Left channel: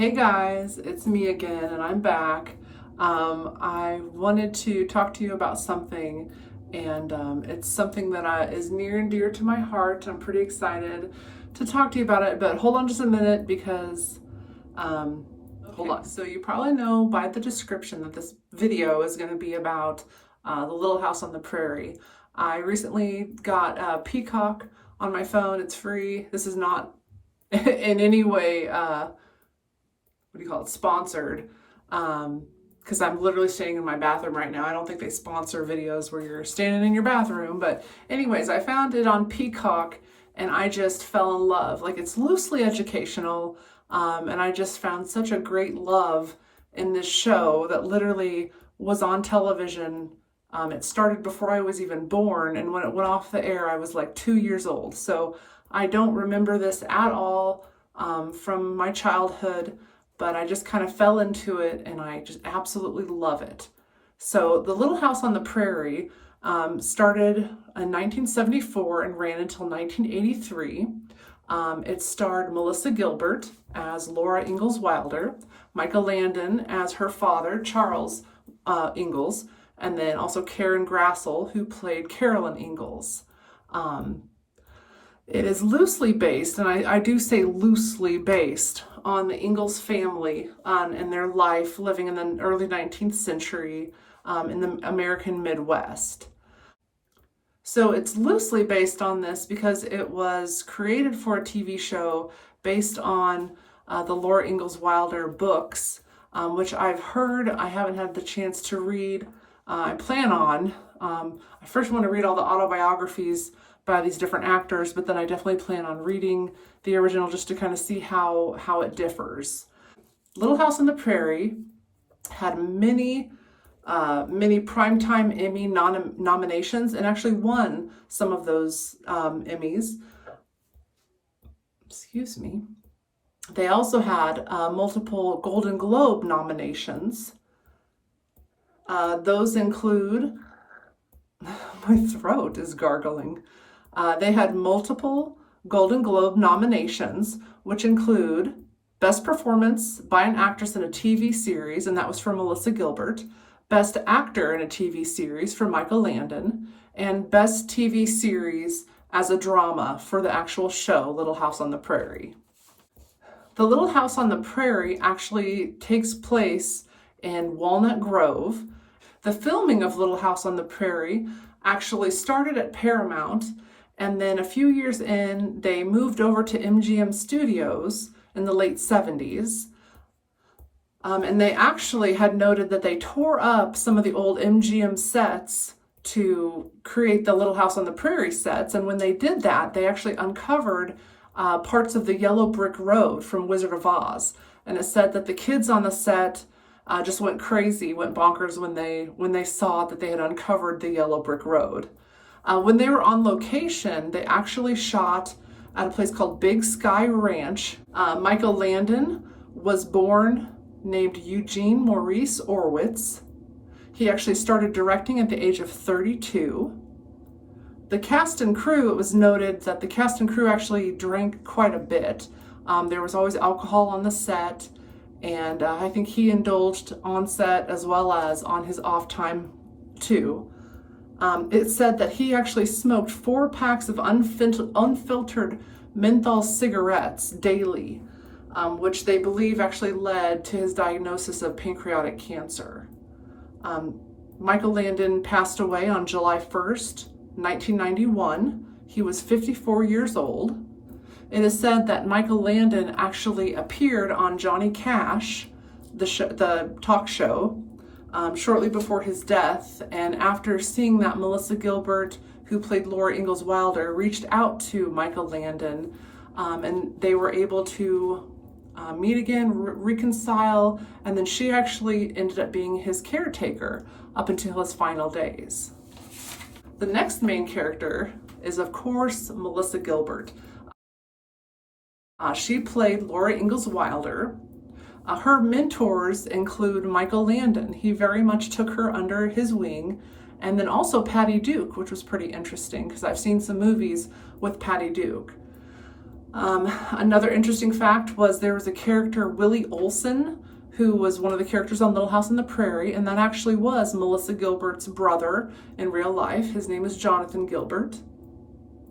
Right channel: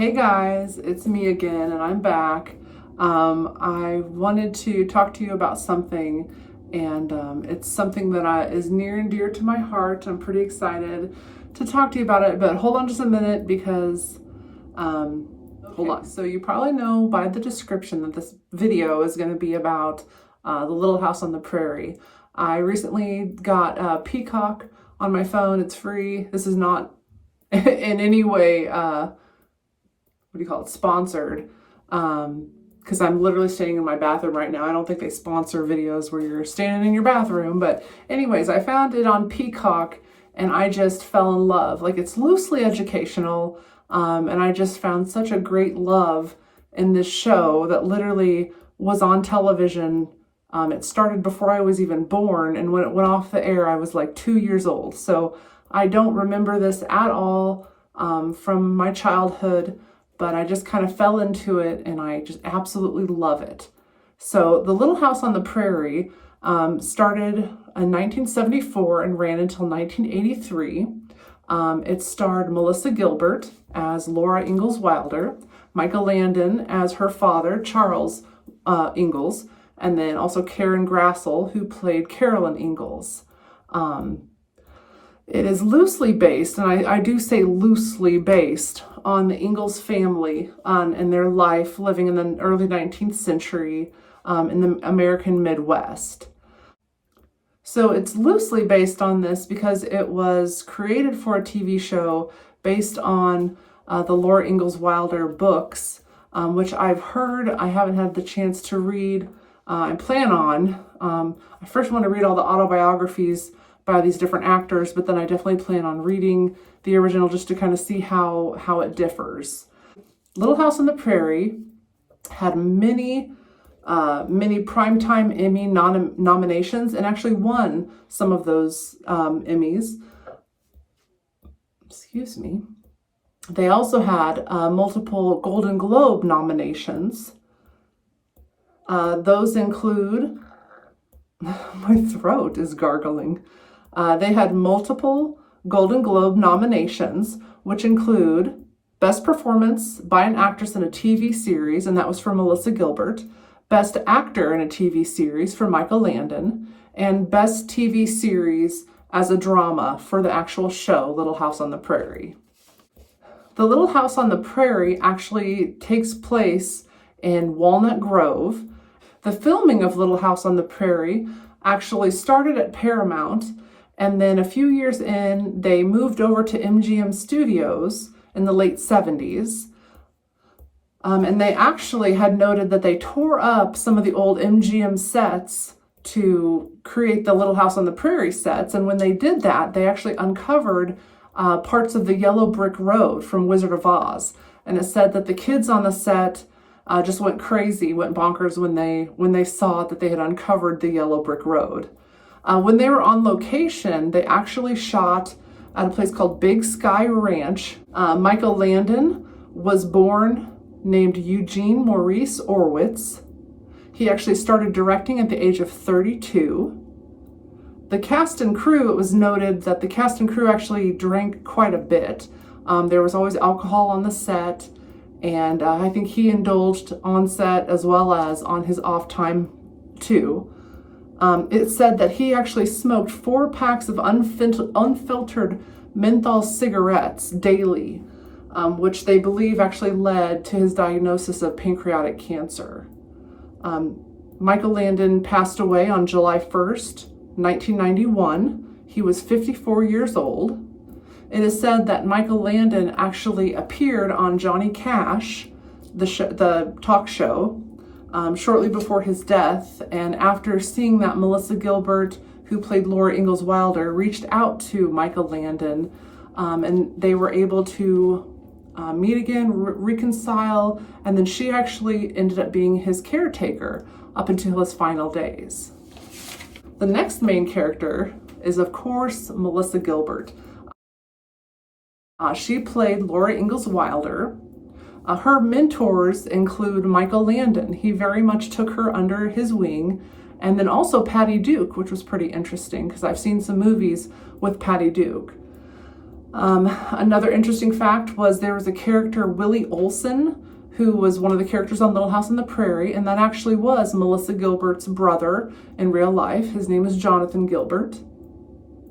Hey guys, it's me again and I'm back. I wanted to talk to you about something and it's something that is near and dear to my heart. I'm pretty excited to talk to you about it, but hold on just a minute because, hold on. So you probably know by the description that this video is going to be about the Little House on the Prairie. I recently got Peacock on my phone. It's free. This is not in any way sponsored, because I'm literally staying in my bathroom right now. I don't think they sponsor videos where you're standing in your bathroom, but anyways, I found it on Peacock and I just fell in love. Like, it's loosely educational, and I just found such a great love in this show that literally was on television. It started before I was even born, and when it went off the air, I was like 2 years old. So I don't remember this at all from my childhood, but I just kind of fell into it and I just absolutely love it. So The Little House on the Prairie started in 1974 and ran until 1983. It starred Melissa Gilbert as Laura Ingalls Wilder, Michael Landon as her father, Charles Ingalls, and then also Karen Grassel, who played Carolyn Ingalls. It is loosely based, and I do say loosely based, on the Ingalls family and their life living in the early 19th century in the American Midwest. So it's loosely based on this because it was created for a TV show based on the Laura Ingalls Wilder books, which I've heard. I haven't had the chance to read. I plan on. I first want to read all the autobiographies by these different actors, but then I definitely plan on reading the original just to kind of see how it differs. Little House on the Prairie had many Primetime Emmy nominations and actually won some of those Emmys. Excuse me. They also had multiple Golden Globe nominations. Those include, my throat is gargling. They had multiple Golden Globe nominations, which include Best Performance by an Actress in a TV Series, and that was for Melissa Gilbert, Best Actor in a TV Series for Michael Landon, and Best TV Series as a Drama for the actual show, Little House on the Prairie. The Little House on the Prairie actually takes place in Walnut Grove. The filming of Little House on the Prairie actually started at Paramount, and then a few years in, they moved over to MGM Studios in the late 70s. And they actually had noted that they tore up some of the old MGM sets to create the Little House on the Prairie sets. And when they did that, they actually uncovered parts of the yellow brick road from Wizard of Oz. And it said that the kids on the set just went crazy, went bonkers when they saw that they had uncovered the yellow brick road. When they were on location, they actually shot at a place called Big Sky Ranch. Michael Landon was born named Eugene Maurice Orwitz. He actually started directing at the age of 32. The cast and crew, it was noted that the cast and crew actually drank quite a bit. There was always alcohol on the set, and I think he indulged on set as well as on his off time too. It said that he actually smoked 4 packs of unfiltered menthol cigarettes daily, which they believe actually led to his diagnosis of pancreatic cancer. Michael Landon passed away on July 1st, 1991. He was 54 years old. It is said that Michael Landon actually appeared on Johnny Cash, the talk show, shortly before his death, and after seeing that, Melissa Gilbert, who played Laura Ingalls Wilder, reached out to Michael Landon, and they were able to meet again, reconcile, and then she actually ended up being his caretaker up until his final days. The next main character is, of course, Melissa Gilbert. She played Laura Ingalls Wilder. Her mentors include Michael Landon. He very much took her under his wing. And then also Patty Duke, which was pretty interesting because I've seen some movies with Patty Duke. Another interesting fact was there was a character, Willie Olson, who was one of the characters on Little House on the Prairie, and that actually was Melissa Gilbert's brother in real life. His name is Jonathan Gilbert.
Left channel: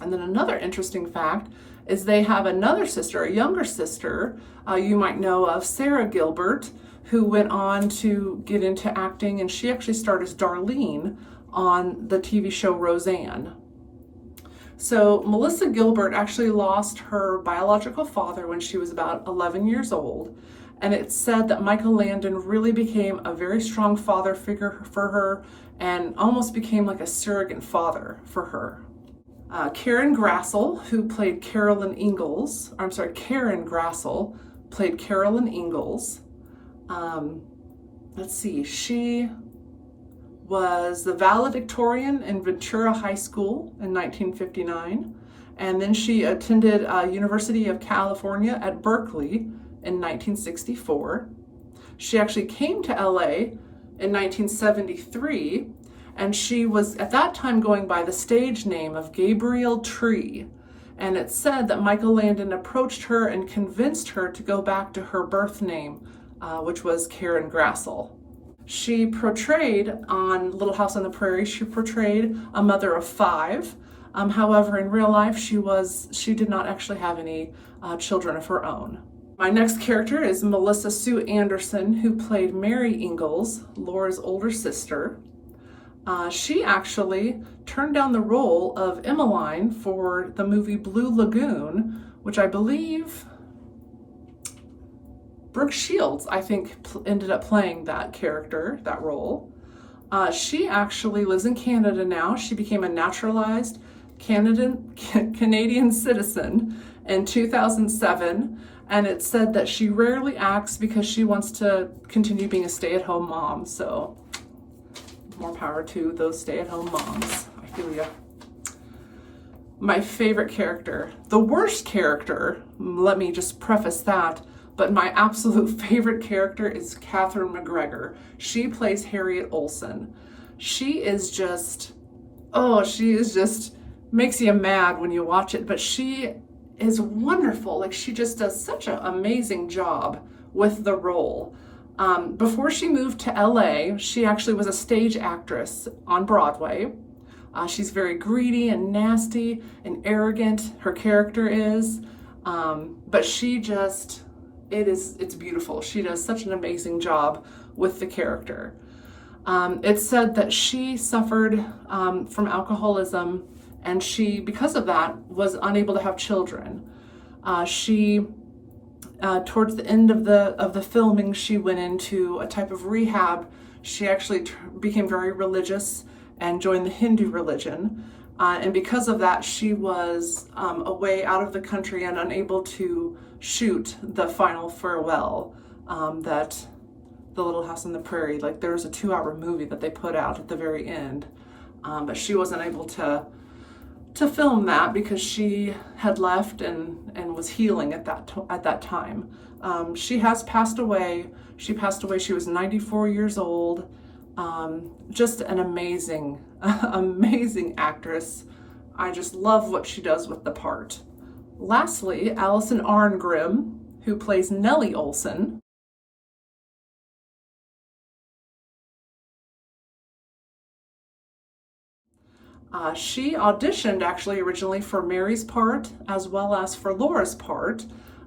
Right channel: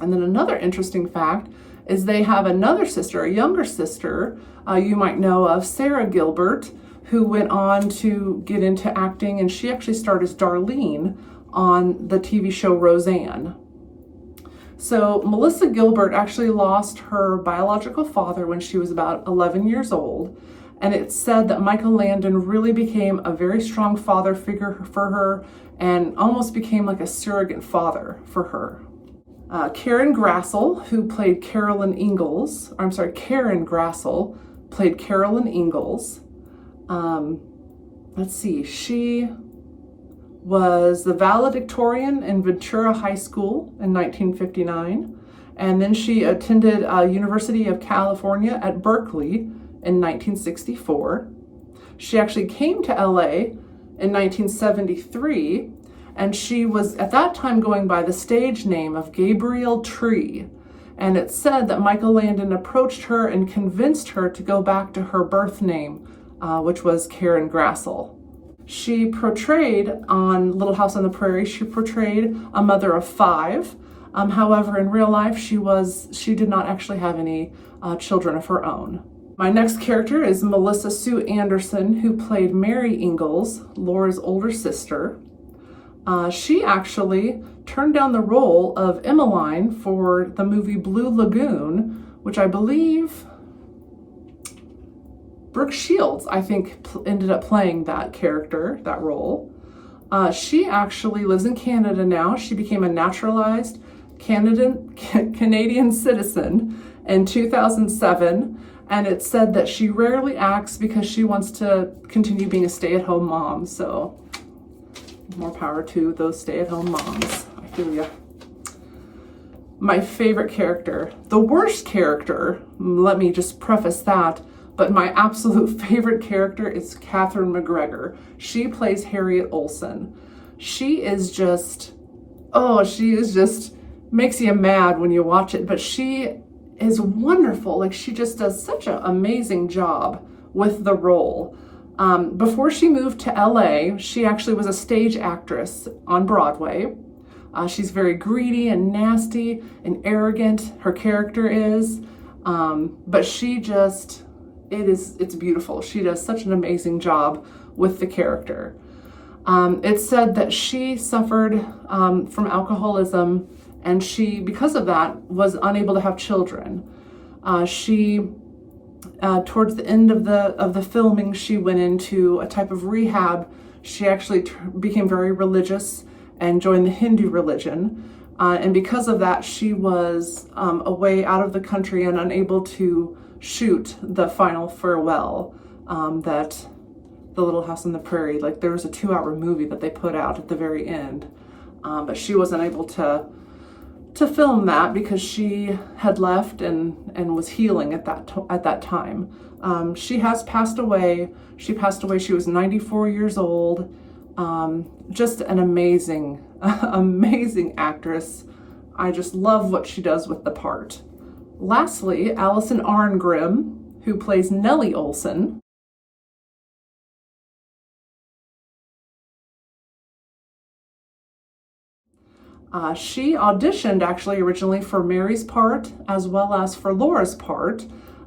And then another interesting fact is they have another sister, a younger sister, you might know of, Sarah Gilbert, who went on to get into acting, and she actually starred as Darlene on the TV show Roseanne. So Melissa Gilbert actually lost her biological father when she was about 11 years old, and it's said that Michael Landon really became a very strong father figure for her and almost became like a surrogate father for her. Karen Grassel, who played Karen Grassel played Carolyn Ingalls. Let's see, she was the valedictorian in Ventura High School in 1959, and then she attended University of California at Berkeley in 1964. She actually came to LA in 1973, and she was at that time going by the stage name of Gabrielle Tree. And it's said that Michael Landon approached her and convinced her to go back to her birth name, which was Karen Grassel. She portrayed on Little House on the Prairie, she portrayed a mother of 5. However, in real life, she did not actually have any children of her own. My next character is Melissa Sue Anderson, who played Mary Ingalls, Laura's older sister. She actually turned down the role of Emmeline for the movie Blue Lagoon, which I believe Brooke Shields, I think, ended up playing that character, that role. She actually lives in Canada now. She became a naturalized Canadian citizen in 2007, and it's said that she rarely acts because she wants to continue being a stay-at-home mom. So more power to those stay-at-home moms. I feel ya. My favorite character, the worst character, let me just preface that, but my absolute favorite character is Catherine McGregor. She plays Harriet Olsen. She is just makes you mad when you watch it, but she is wonderful. Like, she just does such an amazing job with the role. Before she moved to LA, she actually was a stage actress on Broadway. She's very greedy and nasty and arrogant, her character is, but it's beautiful. She does such an amazing job with the character. It's said that she suffered from alcoholism, and she, because of that, was unable to have children. Towards the end of the filming, she went into a type of rehab. She actually became very religious and joined the Hindu religion. And because of that, she was away out of the country and unable to shoot the final farewell that the Little House on the Prairie, like, there was a 2-hour movie that they put out at the very end. But she wasn't able to film that because she had left and was healing at that time. She has passed away. She passed away. She was 94 years old. Just an amazing, amazing actress. I just love what she does with the part. Lastly, Allison Arngrim, who plays Nellie Olson. She auditioned actually originally for Mary's part as well as for Laura's part,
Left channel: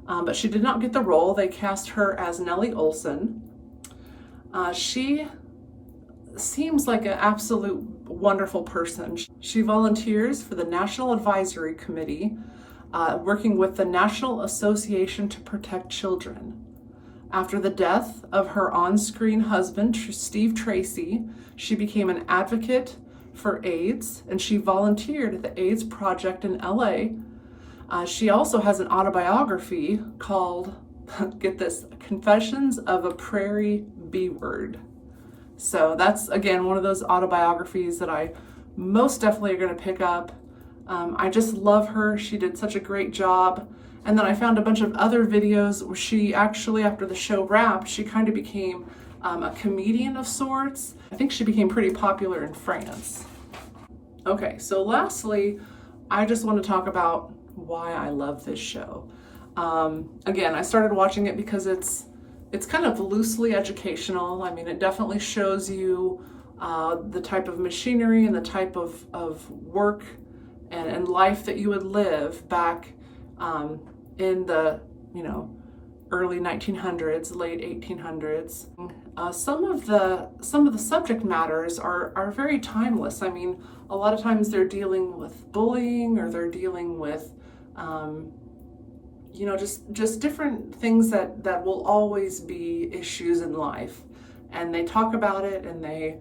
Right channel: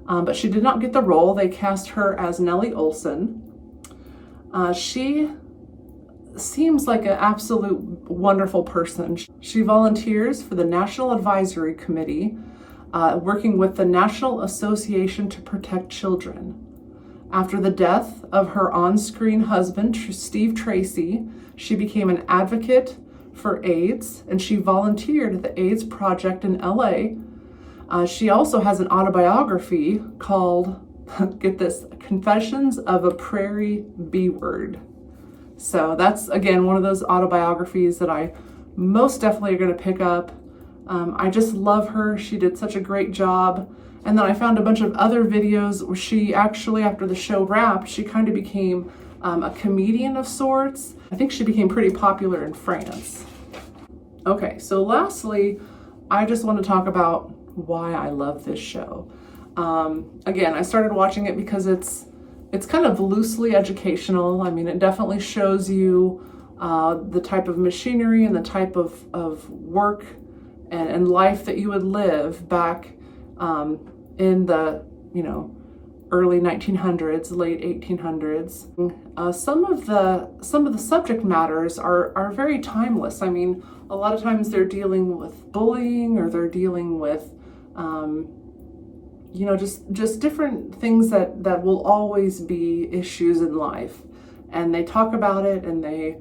but she did not get the role. They cast her as Nellie Olson. She seems like an absolute wonderful person. She volunteers for the National Advisory Committee, working with the National Association to Protect Children. After the death of her on-screen husband, Steve Tracy, she became an advocate for AIDS, and she volunteered at the AIDS Project in LA. She also has an autobiography called, get this, Confessions of a Prairie B-Word. So that's, again, one of those autobiographies that I most definitely are going to pick up. I just love her. She did such a great job. And then I found a bunch of other videos where she actually, after the show wrapped, she kind of became a comedian of sorts. I think she became pretty popular in France. Okay, so lastly, I just want to talk about why I love this show. Again, I started watching it because it's kind of loosely educational. I mean, it definitely shows you the type of machinery and the type of work and life that you would live back in the, early 1900s, late 1800s. Some of the subject matters are very timeless. I mean, a lot of times they're dealing with bullying, or they're dealing with just different things that will always be issues in life, and they talk about it, and they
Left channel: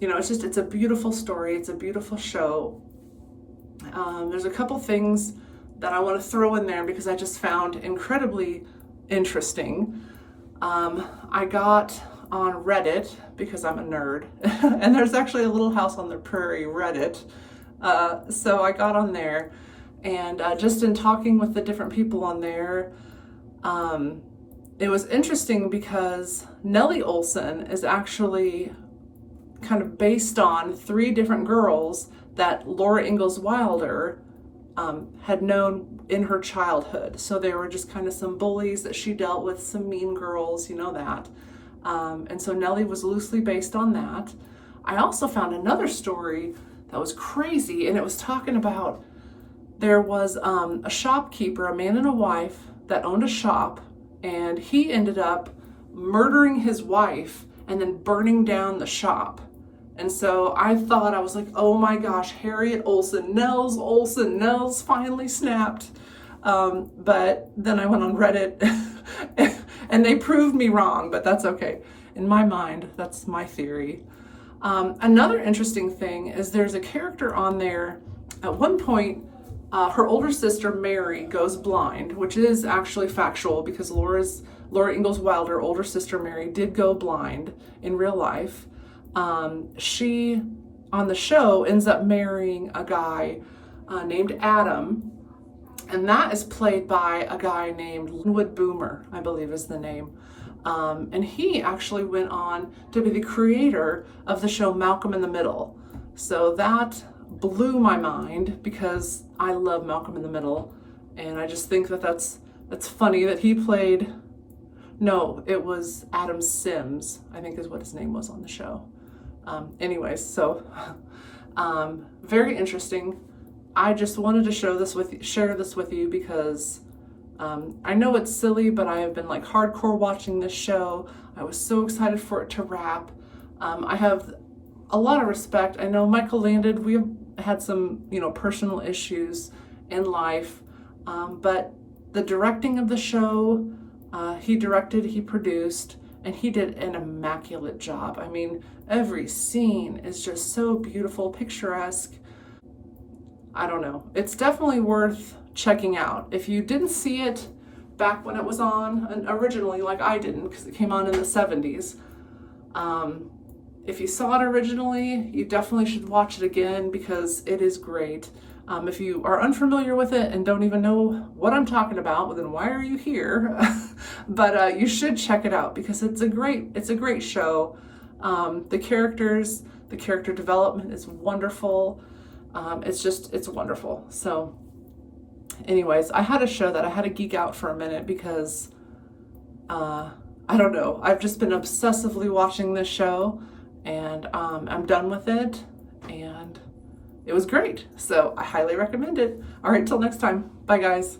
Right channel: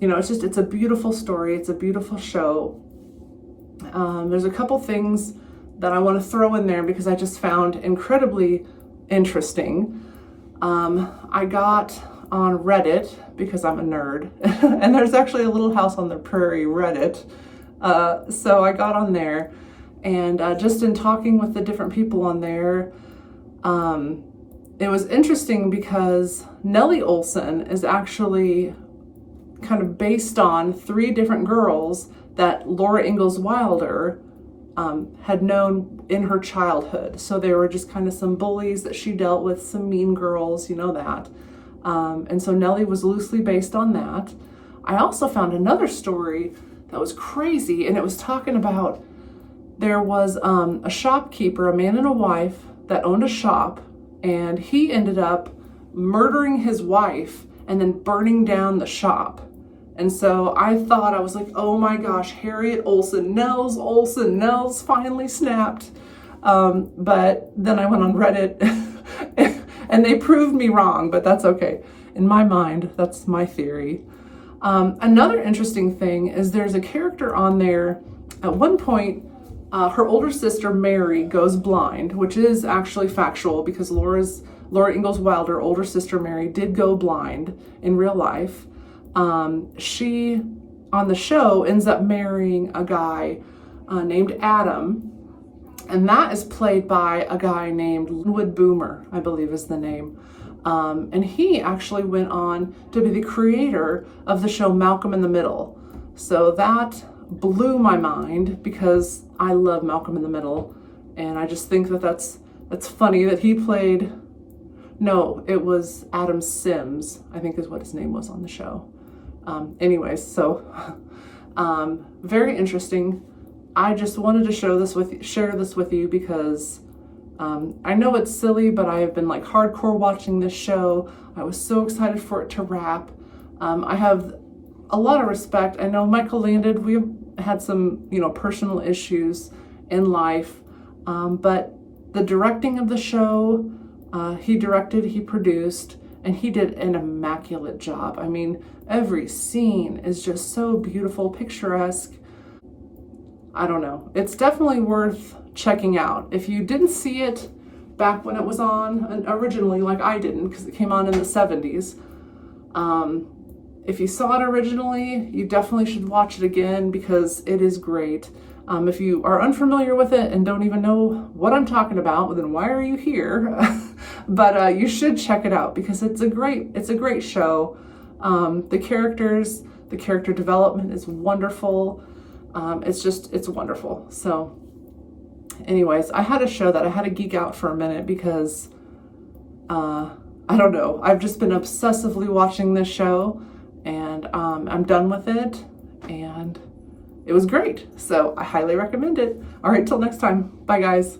it's a beautiful story. It's a beautiful show. There's a couple things that I want to throw in there because I just found incredibly interesting. I got on Reddit because I'm a nerd, and there's actually a Little House on the Prairie Reddit. So I got on there, and just in talking with the different people on there, it was interesting because Nellie Oleson is actually kind of based on 3 different girls that Laura Ingalls Wilder had known in her childhood. So they were just kind of some bullies that she dealt with, some mean girls, that. And so Nellie was loosely based on that. I also found another story that was crazy, and it was talking about there was a shopkeeper, a man and a wife that owned a shop, and he ended up murdering his wife and then burning down the shop. And so I was like, oh my gosh, Harriet Olsen, Nels finally snapped. But then I went on Reddit and they proved me wrong, but that's okay. In my mind, that's my theory. Another interesting thing is there's a character on there. At one point, her older sister, Mary, goes blind, which is actually factual because Laura Ingalls Wilder, older sister Mary, did go blind in real life. She, on the show, ends up marrying a guy named Adam, and that is played by a guy named Linwood Boomer, I believe is the name. And he actually went on to be the creator of the show Malcolm in the Middle. So that blew my mind because I love Malcolm in the Middle, and I just think that's funny that he played. No, it was Adam Sims, I think is what his name was on the show. Anyways, so very interesting. I just wanted to share this with you because I know it's silly, but I have been like hardcore watching this show. I was so excited for it to wrap. I have a lot of respect. I know Michael landed. We had some, personal issues in life, but the directing of the show, he directed, he produced, and he did an immaculate job. I mean, every scene is just so beautiful, picturesque. I don't know. It's definitely worth checking out. If you didn't see it back when it was on originally, like I didn't, because it came on in the 70s. If you saw it originally, you definitely should watch it again because it is great. If you are unfamiliar with it and don't even know what I'm talking about, well, then why are you here? But you should check it out because it's a great show. The character development is wonderful. It's wonderful. So anyways, I had to geek out for a minute because, I don't know, I've just been obsessively watching this show, and I'm done with it, and it was great. So I highly recommend it. All right, till next time. Bye guys.